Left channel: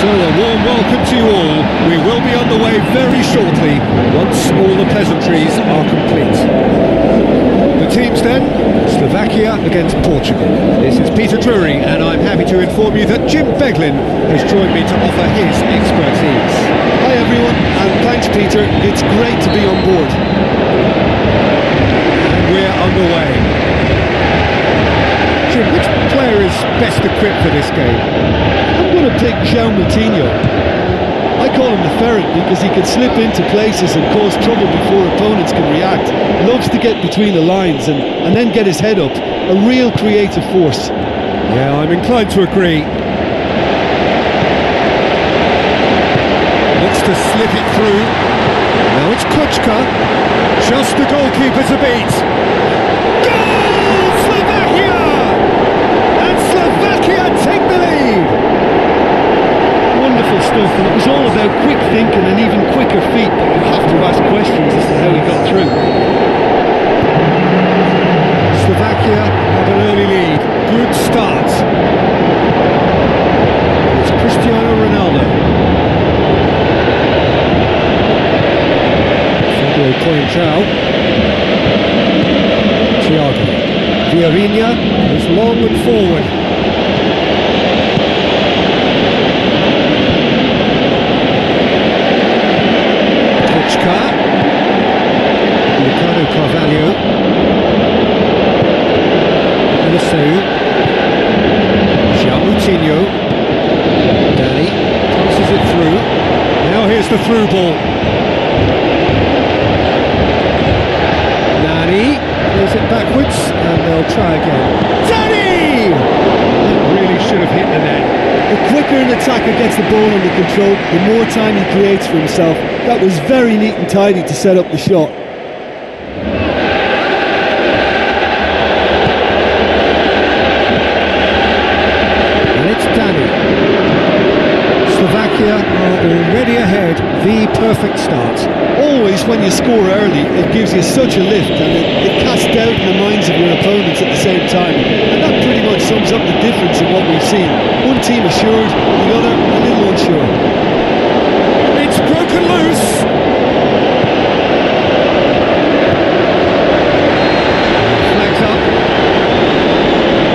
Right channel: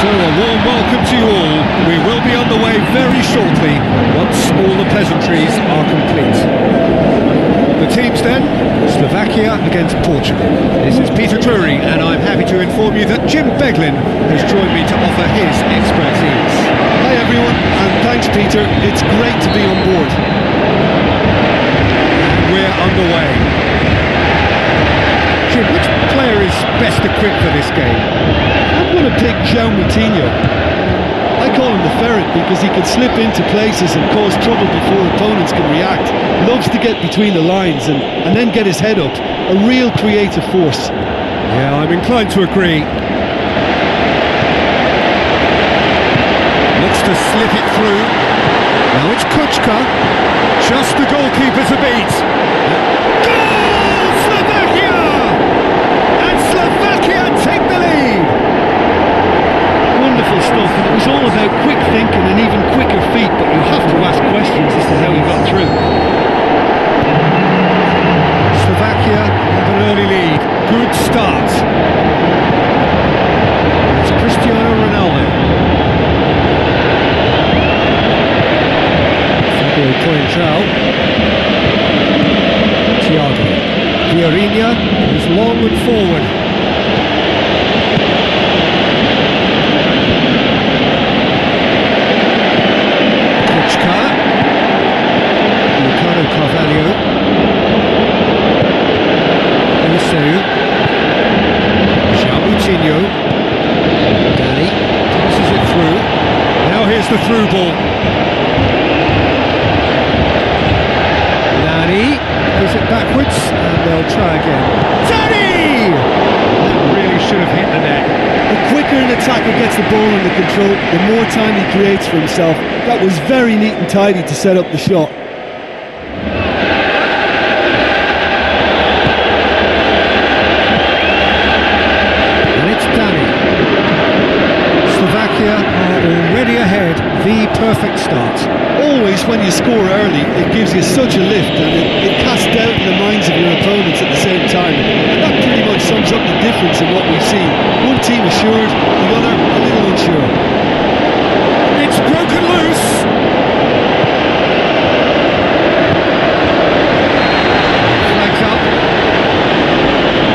So a warm welcome to you all. We will be on the way very shortly, once all the pleasantries are complete. The teams then, Slovakia against Portugal. This is Peter Drury, and I'm happy to inform you that Jim Beglin has joined me to offer his expertise. Hi everyone, and thanks Peter, it's great to be on board. And we're underway. Jim, which player is best equipped for this game? I'm going to pick João Moutinho. I call him the ferret because he can slip into places and cause trouble before opponents can react. Loves to get between the lines and then get his head up. A real creative force. Yeah, I'm inclined to agree. Looks to slip it through. Now it's Kučka. Just the goalkeeper to beat. Goal! Slovakia! And Slovakia take the lead. Wonderful stuff, and it was all about quick thinking and even quicker feet, but you have to ask questions as to how he got through. Slovakia have an early lead. Good start. And it's Cristiano Ronaldo. Fabio Coentrão. Thiago. Vieirinha is long and forward. Kučka. Ricardo Carvalho. Eliseu. João Moutinho. Dani passes it through. Now here's the through ball. Nani plays it backwards, and they'll try again. Dani! That really should have hit the net. The quicker an attacker gets the ball under control, the more time he creates for himself. That was very neat and tidy to set up the shot. And it's Dani. Slovakia are already ahead. The perfect start. Always when you score early, it gives you such a lift, and it casts doubt in the minds of your opponents at the same time. And that pretty much sums up the difference in what we've seen. One team assured, the other a little unsure. It's broken loose. Flags up.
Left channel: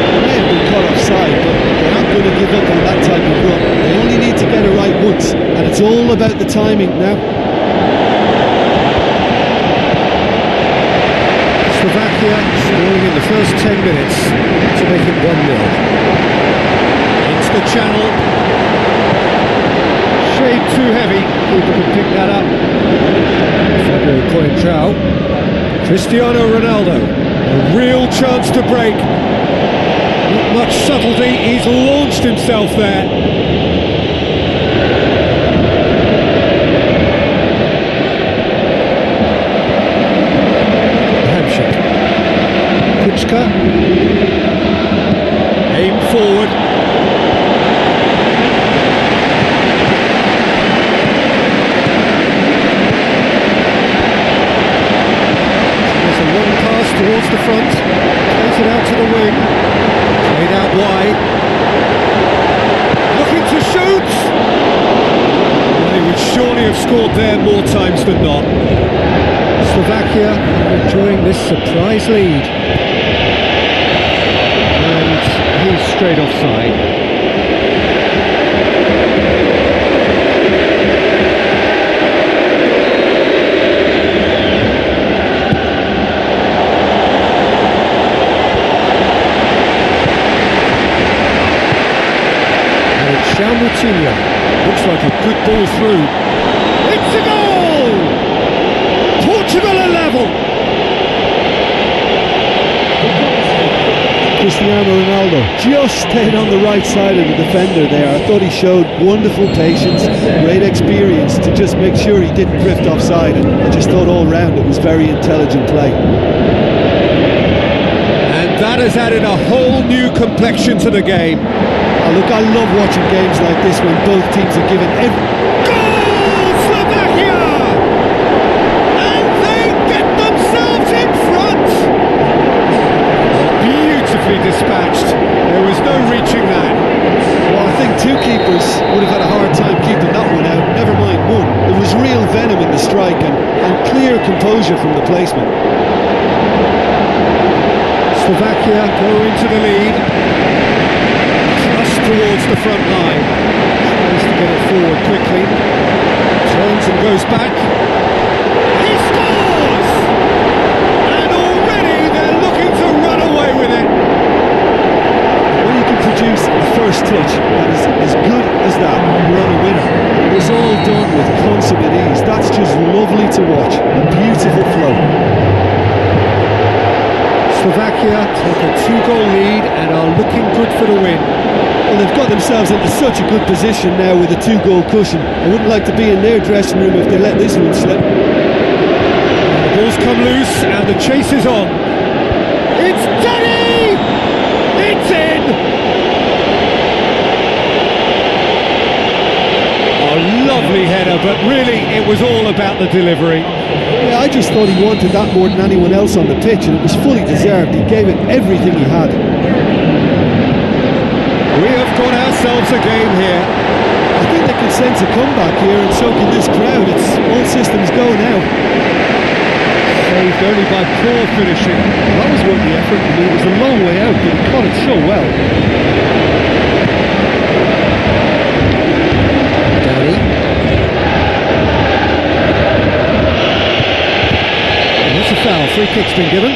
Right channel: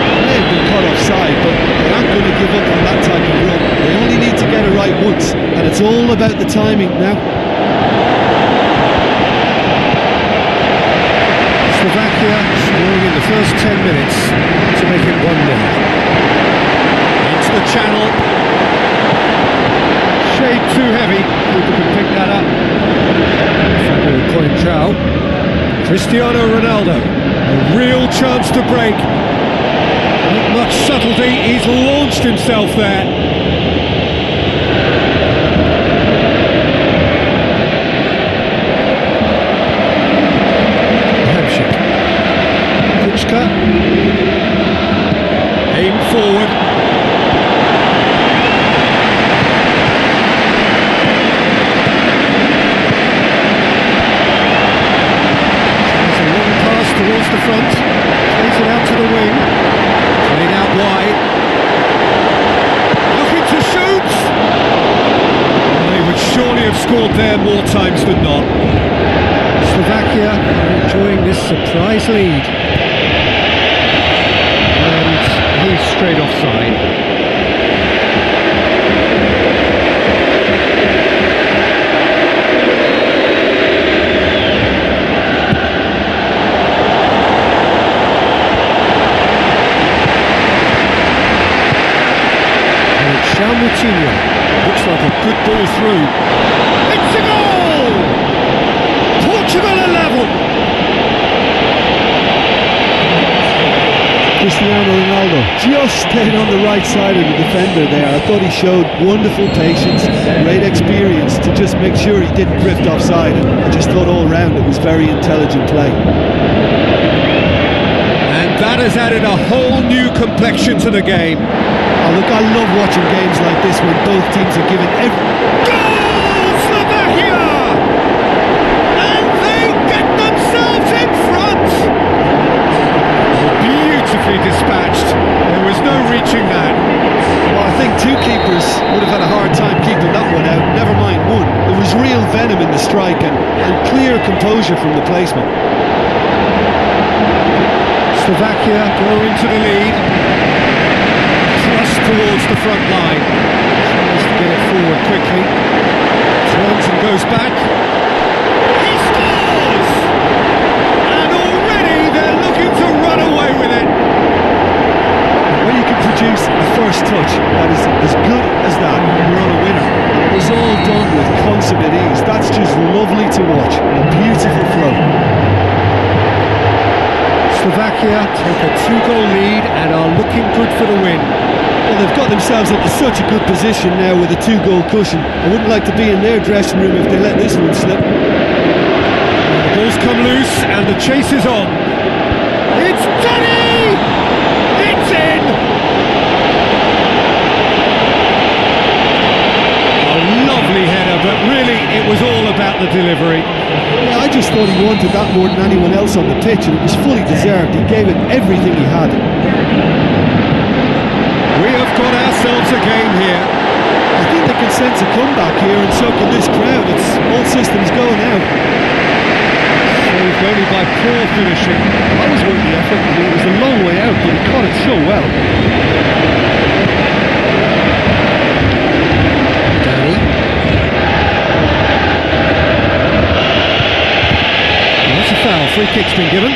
They may have been caught offside, but they aren't going to give up on that type of run. They only need to get it right once, and it's all about the timing now. Slovakia scoring in the first 10 minutes to make it 1-0. Into the channel. Shade too heavy. Keeper can pick that up. Fabio Coentrão. Cristiano Ronaldo. A real chance to break. Not much subtlety. He's launched himself there. Kučka. Aim forward. There's a long pass towards the front. Plays it out to the wing. Played out wide. Looking to shoot. Well, he would surely have scored there more times than not. Slovakia are enjoying this surprise lead. And he's straight offside. And it's João Moutinho. Looks like a good ball through. It's a goal! Portugal are level. Cristiano Ronaldo just stayed on the right side of the defender there. I thought he showed wonderful patience, great experience to just make sure he didn't drift offside, and I just thought all round it was very intelligent play. And that has added a whole new complexion to the game. Oh, look, I love watching games like this when both teams are given every... Goal, Slovakia! Themselves in front. Oh, beautifully dispatched. There was no reaching that. Well, I think two keepers would have had a hard time keeping that one out, never mind one. There was real venom in the strike and clear composure from the placement. Slovakia go into the lead. Thrust towards the front line. Tries to get it forward quickly. Turns and goes back. He scores! And already they're looking to run away with it. When you can produce a first touch that is as good as that, you're on a winner. And it was all done with consummate ease. That's just lovely to watch. A beautiful flow. Slovakia take a 2-goal lead and are looking good for the win. Well, they've got themselves into such a good position now with a 2-goal cushion. I wouldn't like to be in their dressing room if they let this one slip. The ball's come loose and the chase is on. It's Danny! It's in! A lovely header, but really it was all about the delivery. Yeah, I just thought he wanted that more than anyone else on the pitch, and it was fully deserved. He gave it everything he had. We have got ourselves a game here. I think they can sense a comeback here, and so can this crowd. It's all systems go now. Saved only by poor finishing. Well, that was worth the effort. I mean, it was a long way out, but he caught it so well. Danny. And that's a foul. Free kick's been given.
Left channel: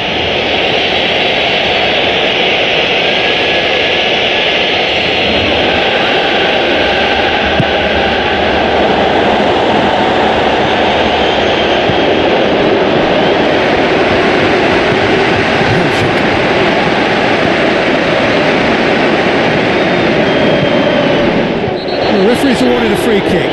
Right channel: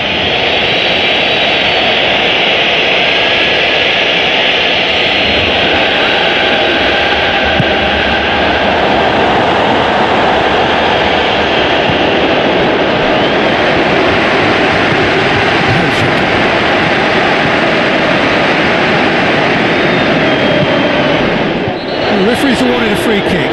The referee's awarded a free kick.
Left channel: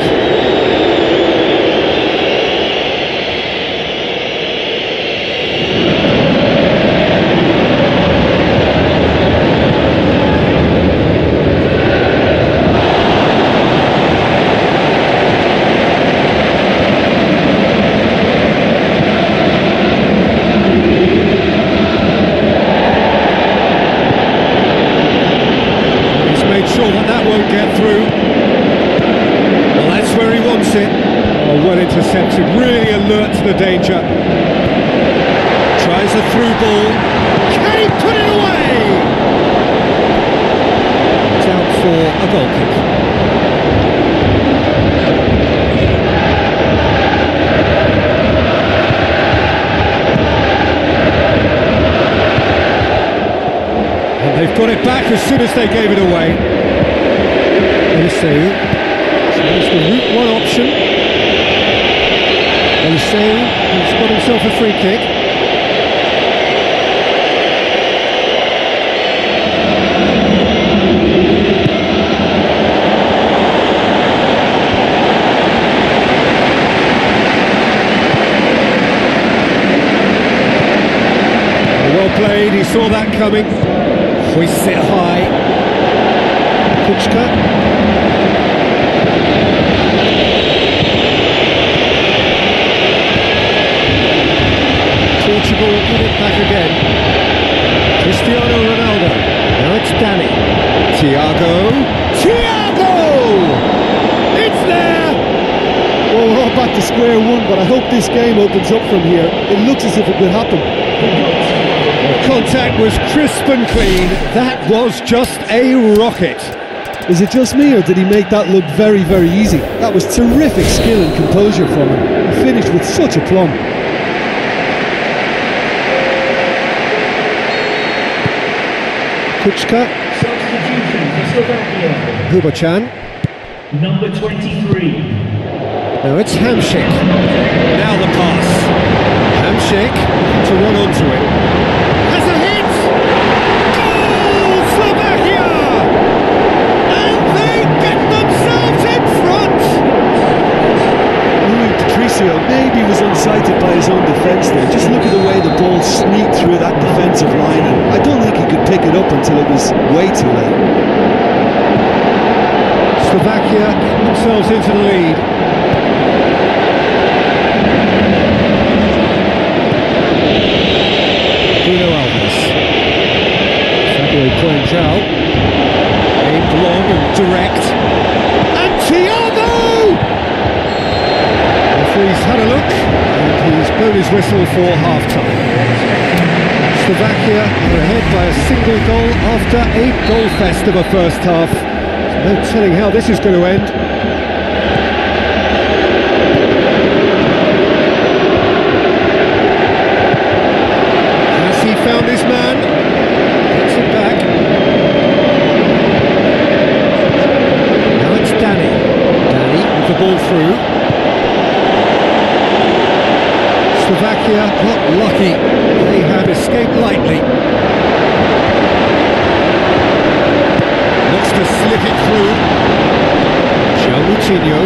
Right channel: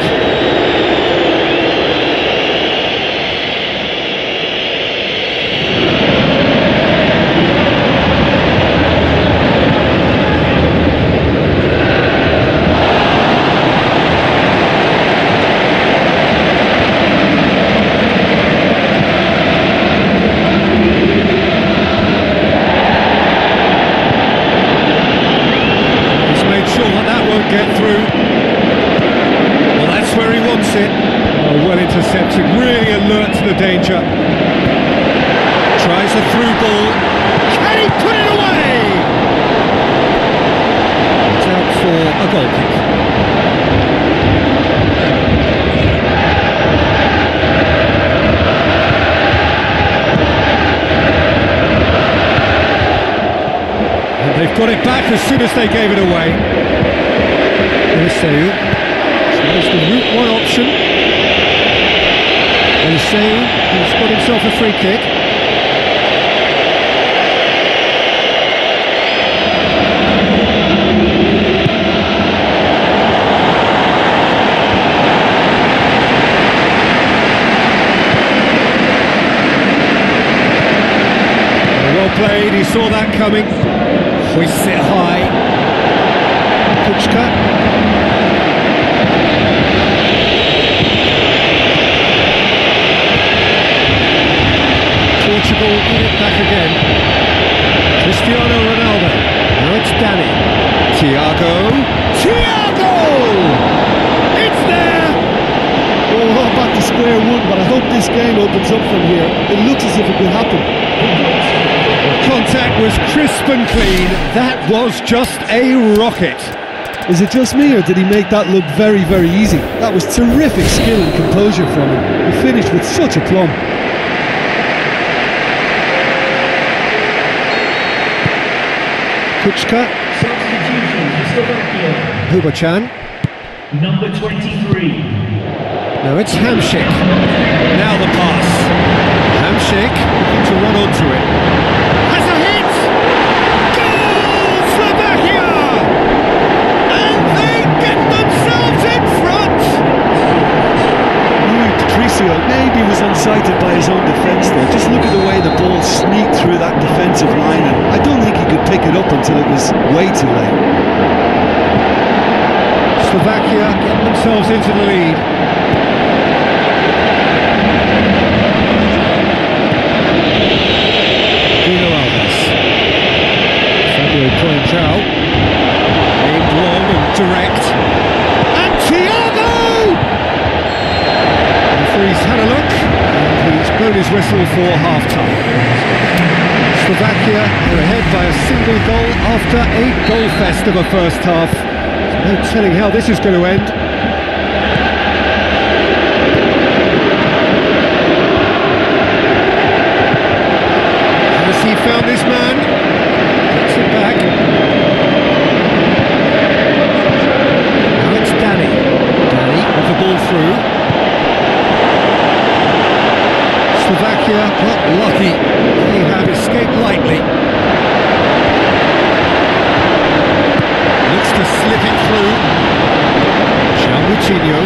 He's made sure that won't get through. Well, that's where he wants it. Oh, well intercepted, really alert to the danger. Tries a through ball. Can he put it away? It's out for a goal kick. And they've got it back as soon as they gave it away. Eliseu. It's the route one option. Eliseu has got himself a free kick. Well played, he saw that coming. Hoists it high. Kuczka. Portugal get it back again. Cristiano Ronaldo. Now it's Danny. Thiago. It's there! Well, we're all back to square one, but I hope this game opens up from here. It looks as if it could happen. The contact was crisp and clean. That was just a rocket. Is it just me, or did he make that look very, very easy? That was terrific skill and composure from him. He finished with such aplomb. Kuczka. Substitution for Slovakia. Hubachan. Number 23. Now it's Hamšík. Now the pass. Hamšík looking to run onto it. Has a hit! Goal, Slovakia! And they get themselves in front! Rui Patricio maybe was unsighted by his own defence there. Just look at the way the ball sneaked through that defensive line, and I don't think he could pick it up until it was way too late. Slovakia get themselves into the lead. Bruno Alves. Fabio Coentrão. A aimed long and direct. And Thiago! The referee's had a look, and he's blown his whistle for half-time. Slovakia are ahead by a single goal after a goal-fest of a first half. There's no telling how this is going to end. Has he found his man? Gets it back. Now it's Danny. Danny with the ball through. Slovakia got lucky. They have escaped lightly. Looks to slip it through. João Moutinho.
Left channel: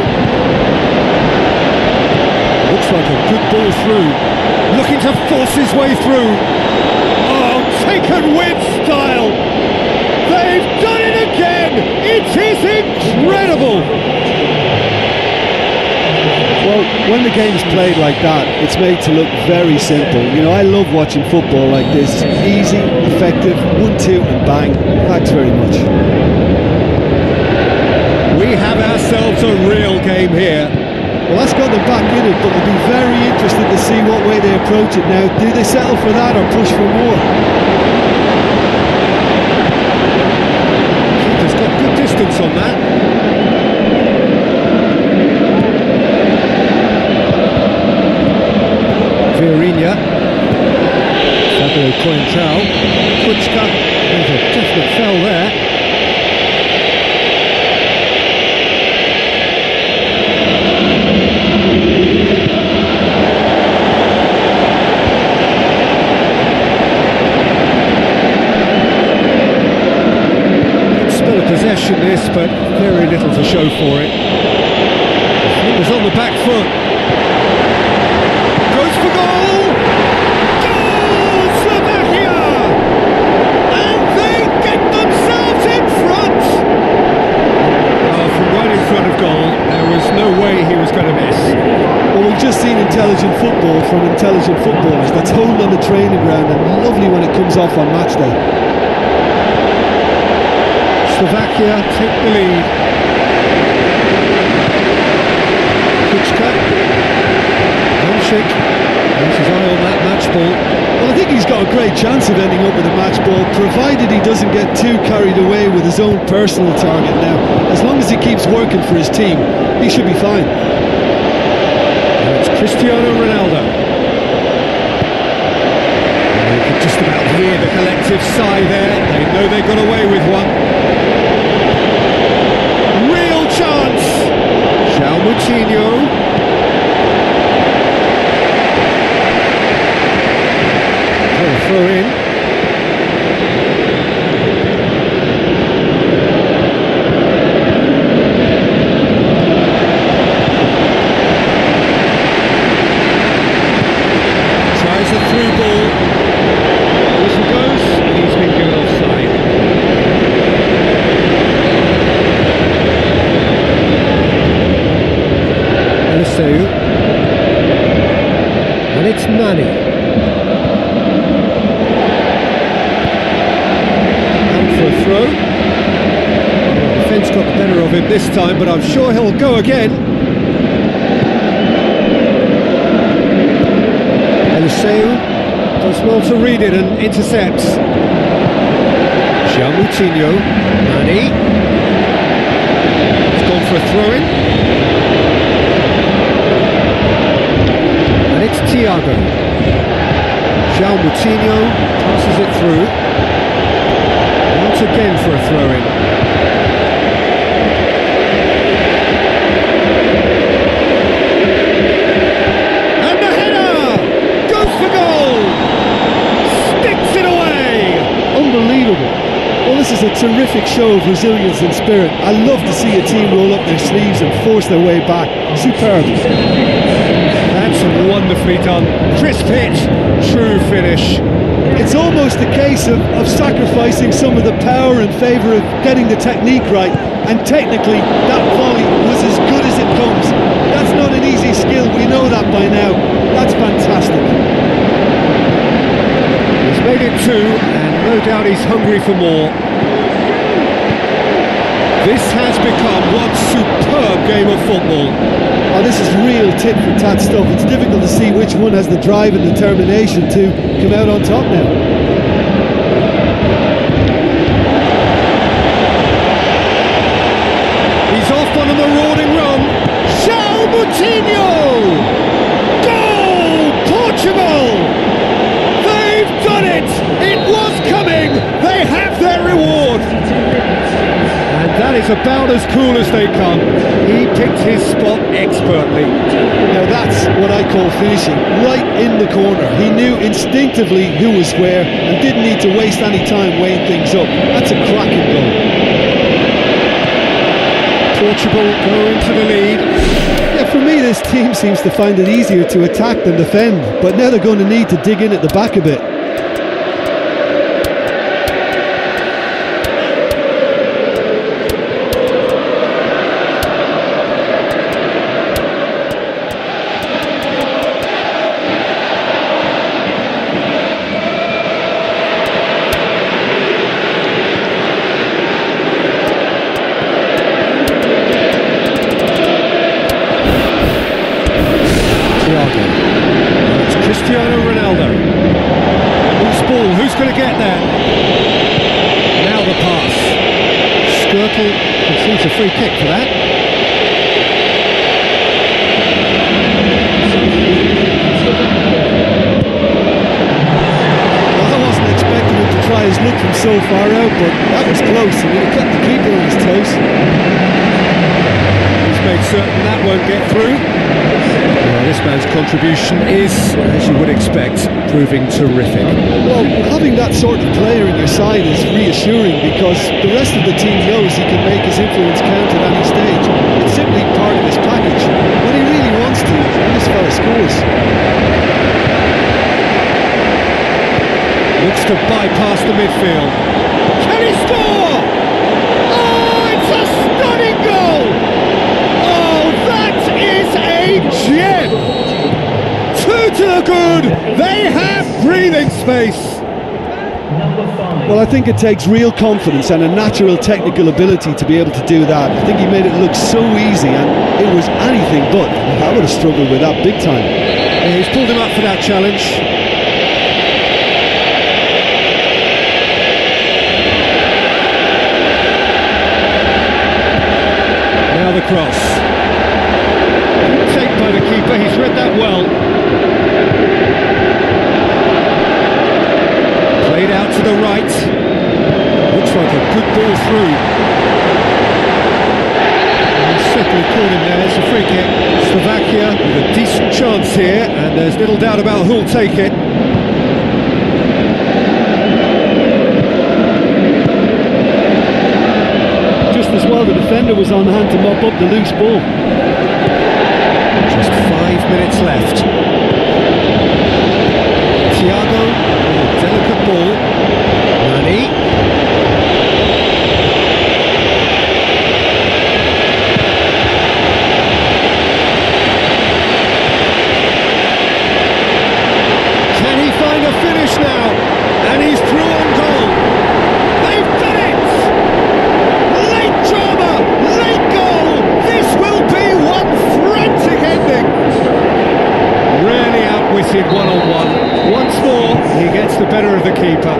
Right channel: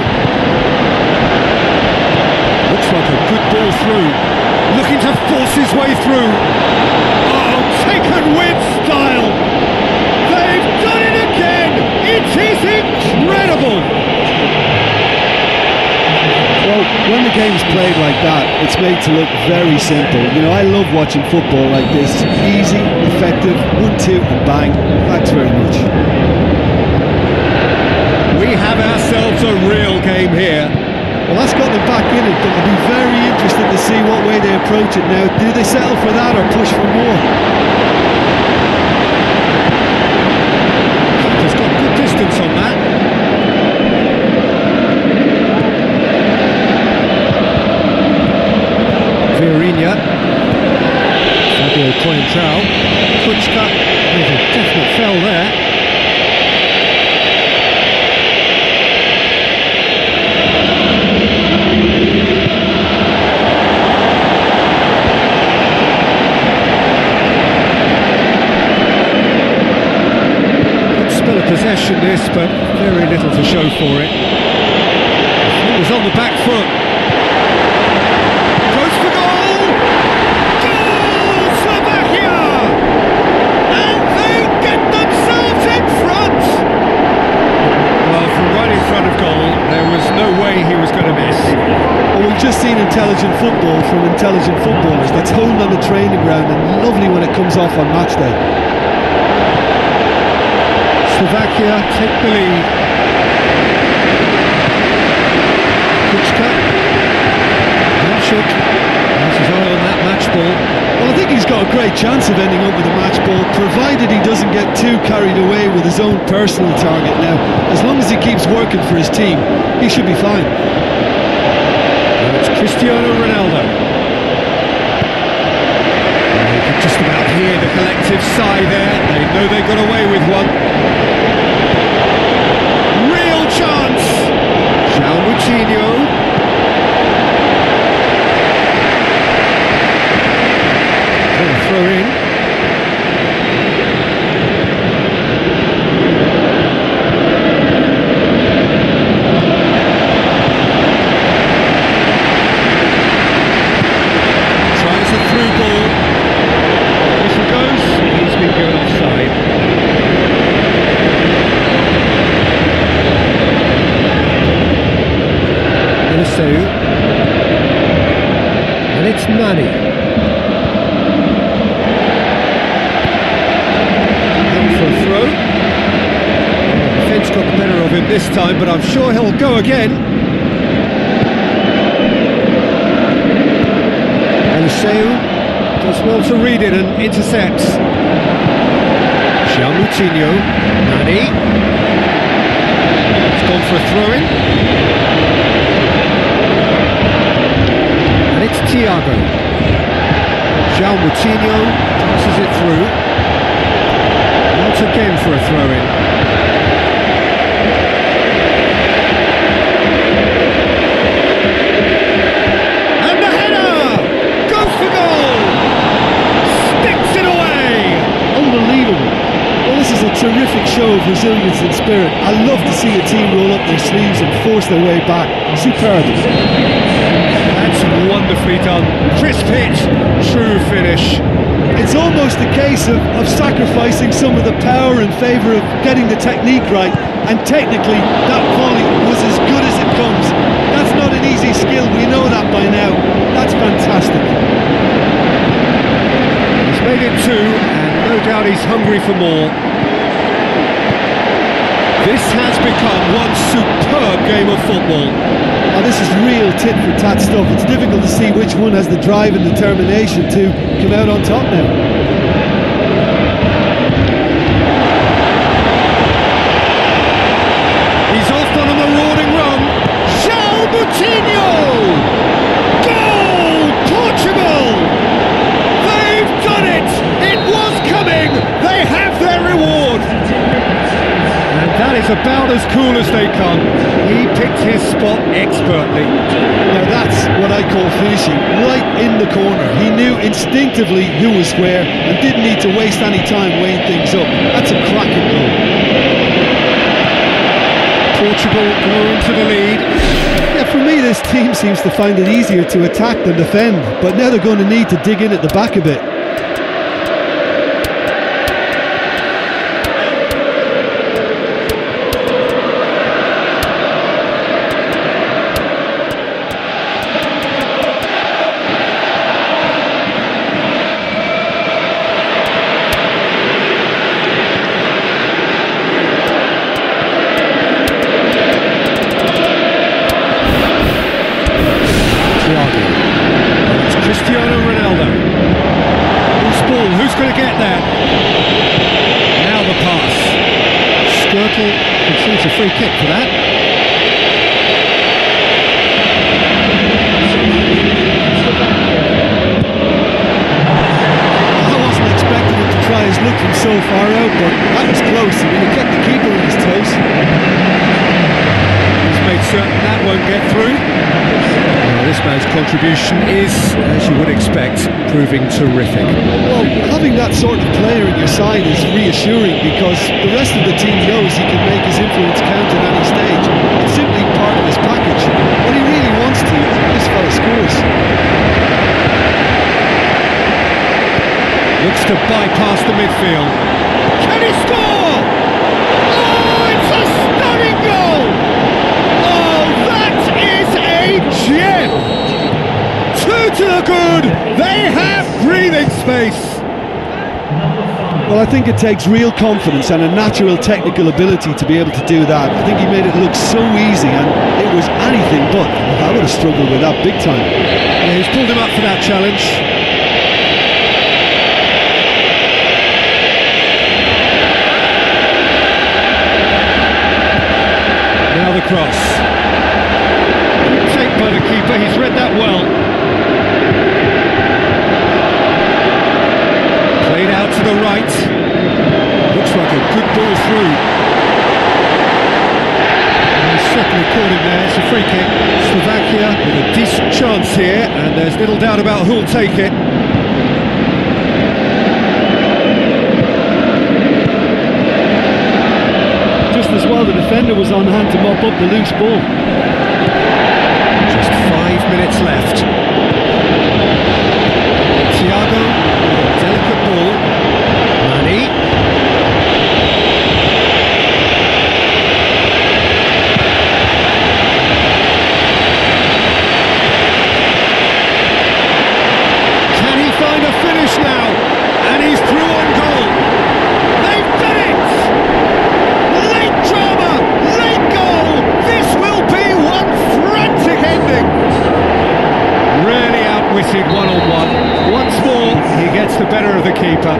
Looks like a good ball through. Looking to force his way through. Oh, taken with style. They've done it again. It is incredible. Well, when the game's played like that, it's made to look very simple. You know, I love watching football like this. Easy, effective, 1-2 and bang. Thanks very much. We have ourselves a real game here. Well, that's got them back in it, but I'll be very interested to see what way they approach it now. Do they settle for that or push for more? Keeper's got good distance on that. Vieirinha, Fabio Coentrão, Kuczka, there's a definite foul there. Good spell of possession this, but very little to show for it. Defenders on the back foot. Goes for goal! Goal! Slovakia! And they get themselves in front! Well, from right in front of goal, there was no way he was going to miss. Well, we've just seen intelligent football from intelligent footballers. That's honed on the training ground and lovely when it comes off on match day. Slovakia take the lead. Kuczka. Hamšík has his eye on that match ball. Well, I think he's got a great chance of ending up with a match ball, provided he doesn't get too carried away with his own personal target now. As long as he keeps working for his team, he should be fine. Now it's Cristiano Ronaldo. And you could just about hear the collective sigh there. They know they got away with one. Real chance! João Moutinho. What a throw in. Tries a through ball. Whistle goes. He's been given offside. Eliseu. And it's Nani. For a throw. Well, the defence got the better of him this time, but I'm sure he'll go again. Eliseu does well to read it and intercepts. João Moutinho, Nani. It's gone for a throw-in. And it's Thiago. João Moutinho passes it through. Not again for a throw-in. And the header! Goes for goal! Sticks it away! Unbelievable. Well, this is a terrific show of resilience and spirit. I love to see a team roll up their sleeves and force their way back. Superb. That's wonderfully done. Crisp hit, true finish. It's almost a case of sacrificing some of the power in favour of getting the technique right, and technically that volley was as good as it comes. That's not an easy skill, we know that by now. That's fantastic. He's made it two, and no doubt he's hungry for more. This has become one superb game of football. Oh, this is real tit-for-tat stuff. It's difficult to see which one has the drive and determination to come out on top now. He's off on a marauding run. João Moutinho! Goal! Portugal! They've done it! It was coming! They have their reward! And that is about as cool as they come. He picked his spot expertly. Now that's what I call finishing, right in the corner. He knew instinctively who was where and didn't need to waste any time weighing things up. That's a cracking goal. Portugal go into the lead. Yeah, for me this team seems to find it easier to attack than defend, but now they're going to need to dig in at the back a bit. It's Cristiano Ronaldo. Loose ball, who's going to get there? Now the pass. Skirtle conceives a free kick for that. Well, I wasn't expecting him to try his luck from so far out, but that was close. I mean, it kept the keeper on his toes. He's made certain that won't get through. Well, this man's contribution is, as you would expect, proving terrific. Well, having that sort of player in your side is reassuring because the rest of the team knows he can make his influence count at any stage. It's simply part of his package. When he really wants to, this fella scores. Looks to bypass the midfield. Can he score? Oh, it's a stunning goal! Oh, that is a gem! 2 to the good! They have breathing space! Well, I think it takes real confidence and a natural technical ability to be able to do that. I think he made it look so easy and it was anything but. I would have struggled with that big time. Yeah, he's pulled him up for that challenge. Now the cross. Good take by the keeper, he's read that well. Played out to the right. Looks like a good ball through. He's certainly caught him there, it's a free kick. Slovakia with a decent chance here, and there's little doubt about who'll take it. Just as well the defender was on hand to mop up the loose ball. Just 5 minutes left. Thiago with a delicate ball. Nani. Can he find a finish now? And he's through on goal. They've done it! Late drama, late goal. This will be one frantic ending. Really outwitted one-on-one. Once more, he gets the better of the keeper.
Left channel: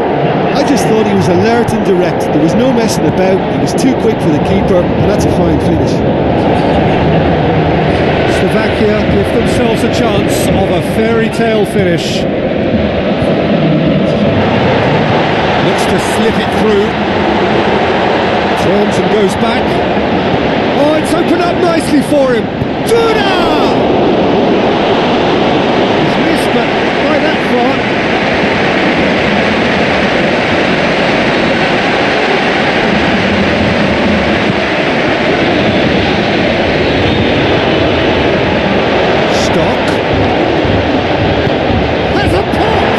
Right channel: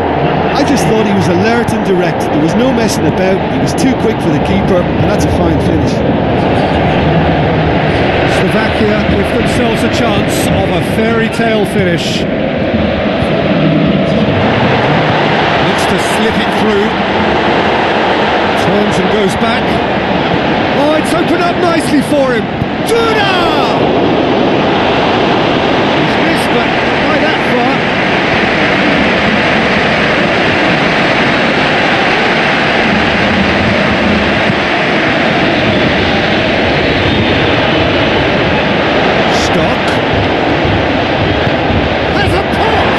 I just thought he was alert and direct. There was no messing about. He was too quick for the keeper, and that's a fine finish. Slovakia give themselves a chance of a fairy tale finish. Looks to slip it through. Turns and goes back. Oh, it's opened up nicely for him. Duda! He's missed, but not by that far. Stock. Has a pop!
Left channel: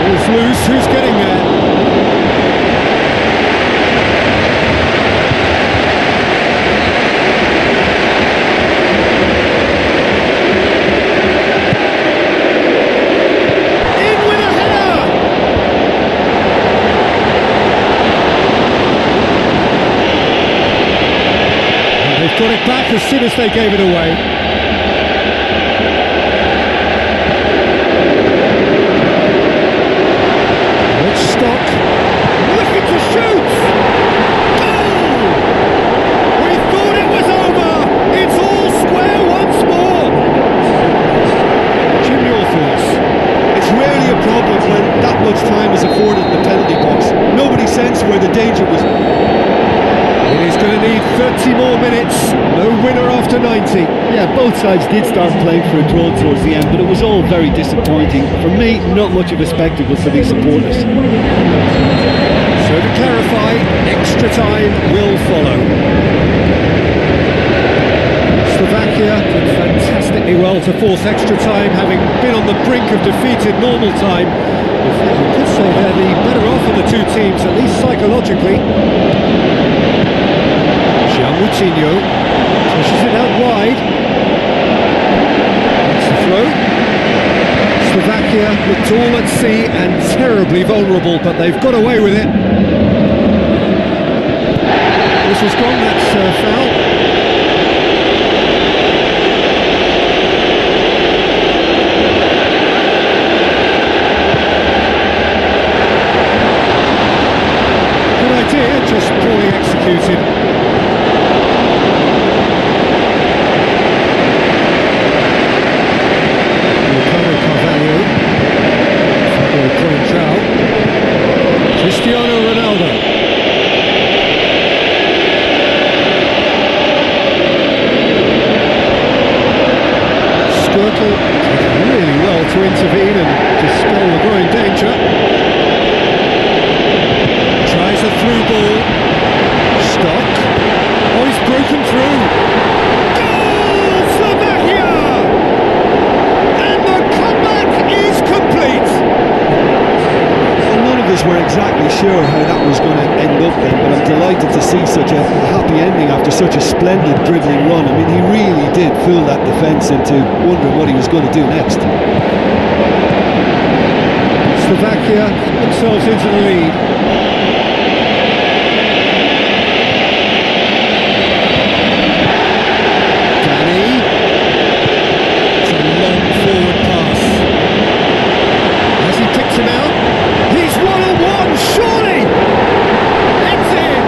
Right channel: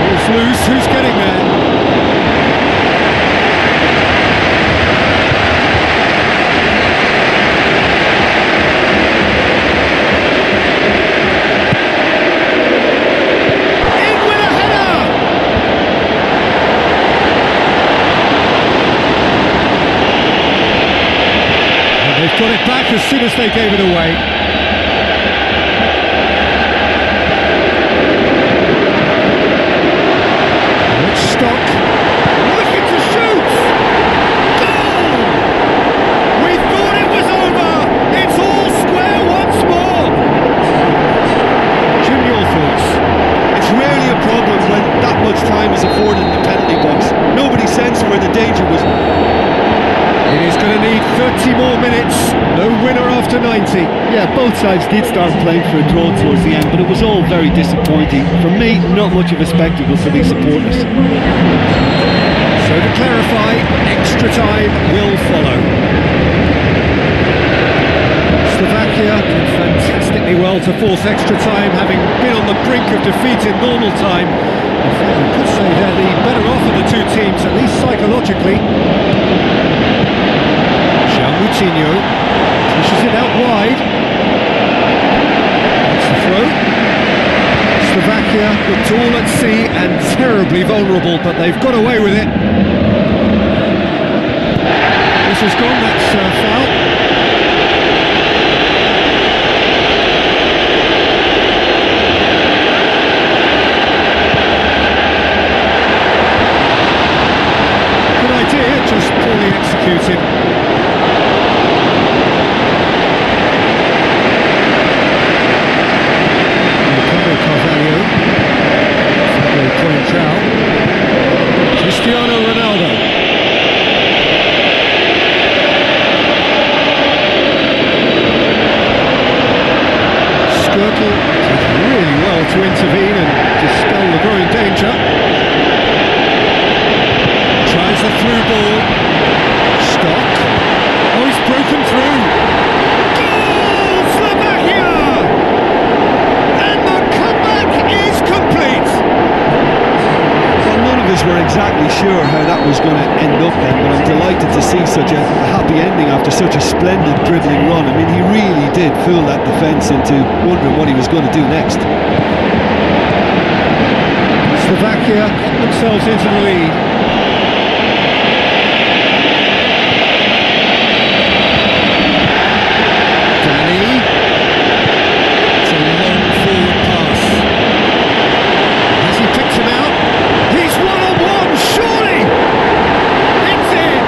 Ball's loose, who's getting there? And they've got it back as soon as they gave it away. Rich Stock, looking to shoot! Goal! We thought it was over! It's all square once more! Jim, your thoughts? It's rarely a problem when that much time is afforded in the penalty box. Nobody sensed where the danger was. It is going to need 30 more minutes. No winner after 90. Yeah, both sides did start playing for a draw towards the end, but it was all very disappointing. For me, not much of a spectacle for these supporters. So to clarify, extra time will follow. Slovakia did fantastically well to force extra time, having been on the brink of defeat in normal time. In fact, you could say they're the better off of the two teams, at least psychologically. João Moutinho pushes it out wide. That's the throw. Slovakia looked all at sea and terribly vulnerable, but they've got away with it. Whistle's gone, that's foul. Good idea, just poorly executed. Ricardo Carvalho, Fabio Coentrão, Cristiano Ronaldo. Skrtel did really well to intervene and dispel the growing danger. Tries a through ball. Stock. Oh, he's broken through. Goal, Slovakia! And the comeback is complete. Well, none of us were exactly sure how that was going to end up then, but I'm delighted to see such a happy ending after such a splendid dribbling run. I mean, he really did fool that defence into wondering what he was going to do next. Slovakia get themselves into the lead. Danny. It's a long forward pass. Has he picked him out? He's one-on-one, surely! It's in!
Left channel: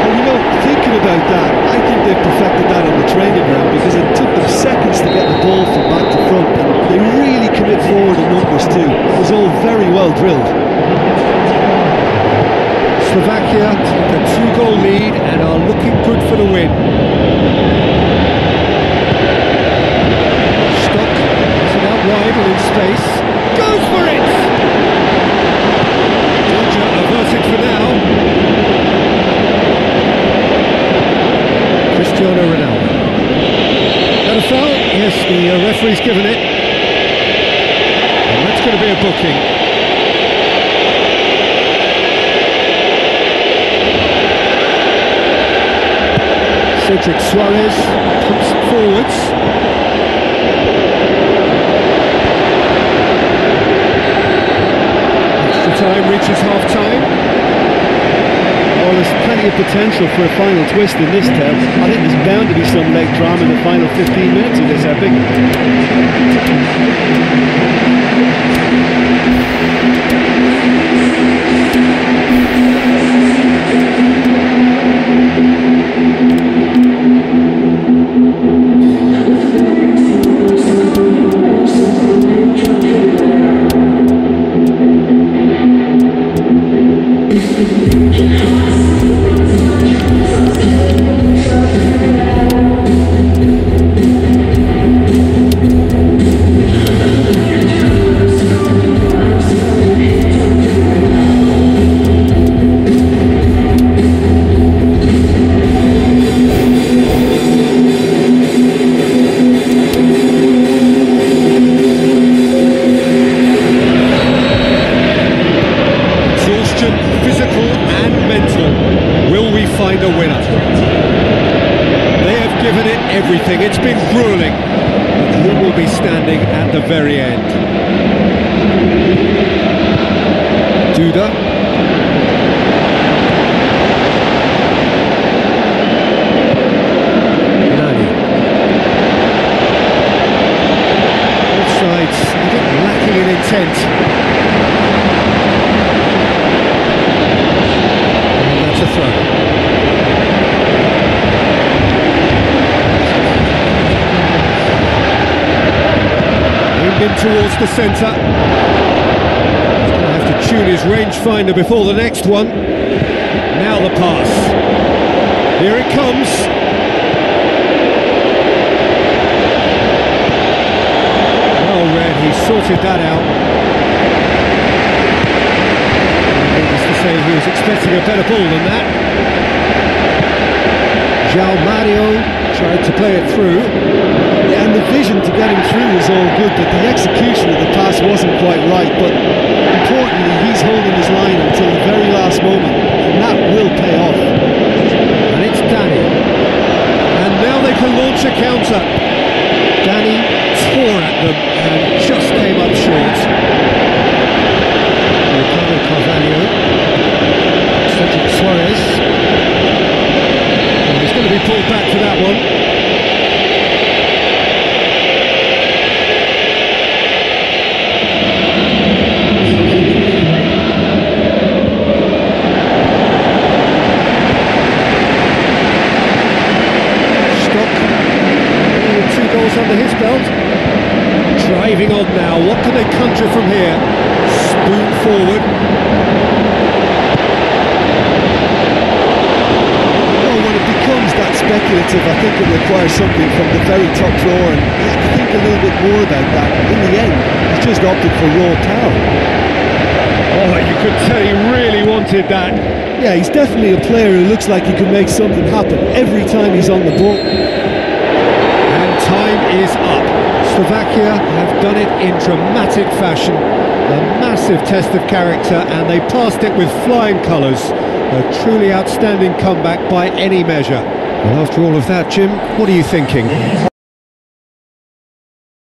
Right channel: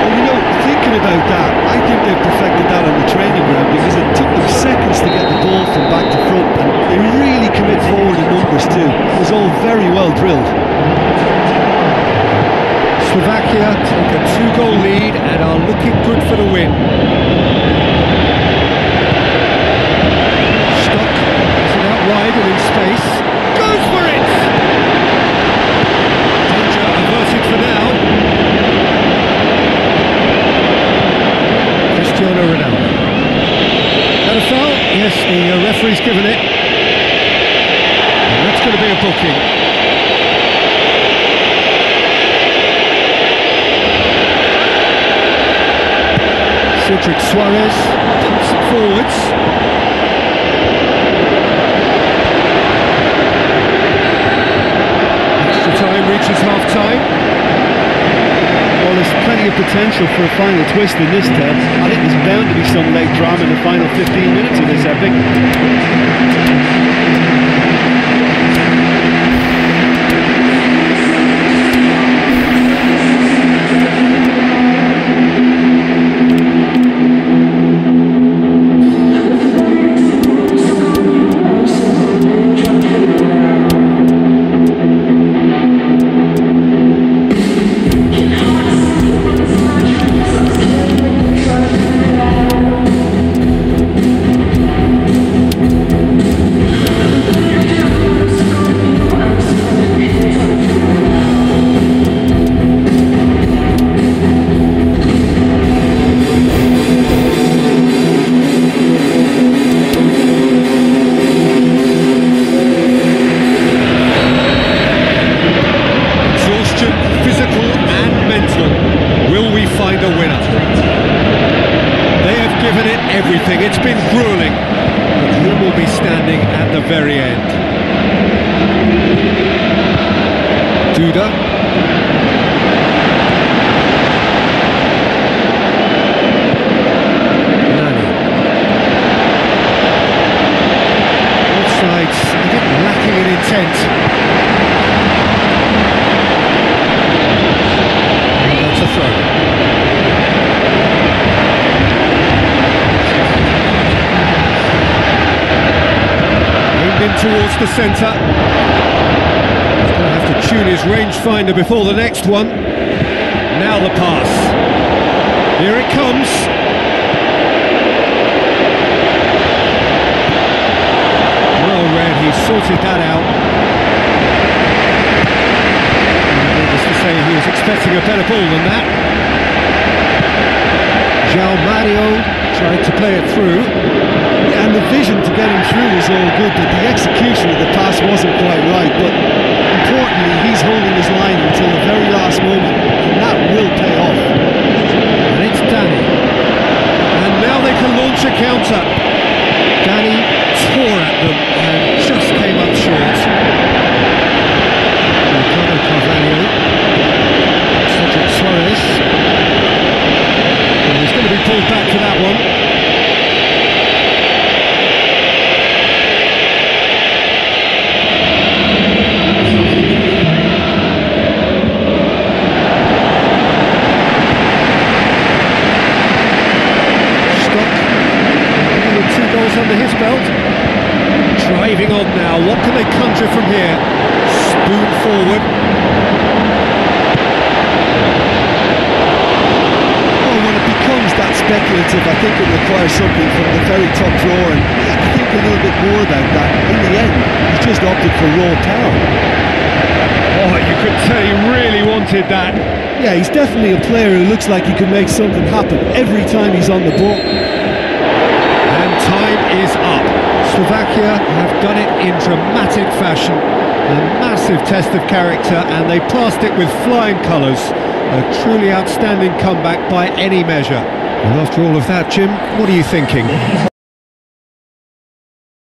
Well, you know, thinking about that, I think they've perfected that on the training ground because it took them seconds to get the ball from back to front, and they really commit forward in numbers too. That was all very well drilled. Slovakia take a 2-goal lead and are looking good for the win. Stock gets it out wide and in space. Goes for it! Danger averted for now. Cristiano Ronaldo. Is that a foul? Yes, the referee's given it. And that's going to be a booking. Cedric Suarez pumps it forwards. Extra time reaches half-time. Well, there's plenty of potential for a final twist in this tale. I think there's bound to be some late drama in the final 15 minutes of this epic. Physical and mental. Will we find a winner? They have given it everything. It's been grueling. But who will be standing at the very end? Duda. lacking in intent. And that's a throw. Aimed in towards the centre. He's going to have to tune his rangefinder before the next one. Now the pass. Here it comes. Well read, he sorted that out. Needless to say, he was expecting a better ball than that. João Mario tried to play it through. Yeah, and the vision to get him through was all good, but the execution of the pass wasn't quite right. But importantly, he's holding his line until the very last moment, and that will pay off. And it's Dani. And now they can launch a counter. Dani tore at them and just came up short. Ricardo Carvalho. Cedric Soares. Well, he's going to be pulled back for that one. With 2 goals under his belt. Driving on now, what can they conjure from here? Spoon forward. Oh, when it becomes that speculative, I think it requires something from the very top drawer, and you have to think a little bit more about that. In the end, he's just opted for raw power. Oh, you could tell he really wanted that. Yeah, he's definitely a player who looks like he could make something happen every time he's on the ball. And time is up. Slovakia have done it in dramatic fashion. A massive test of character, and they passed it with flying colours. A truly outstanding comeback by any measure. Well, after all of that, Jim, what are you thinking?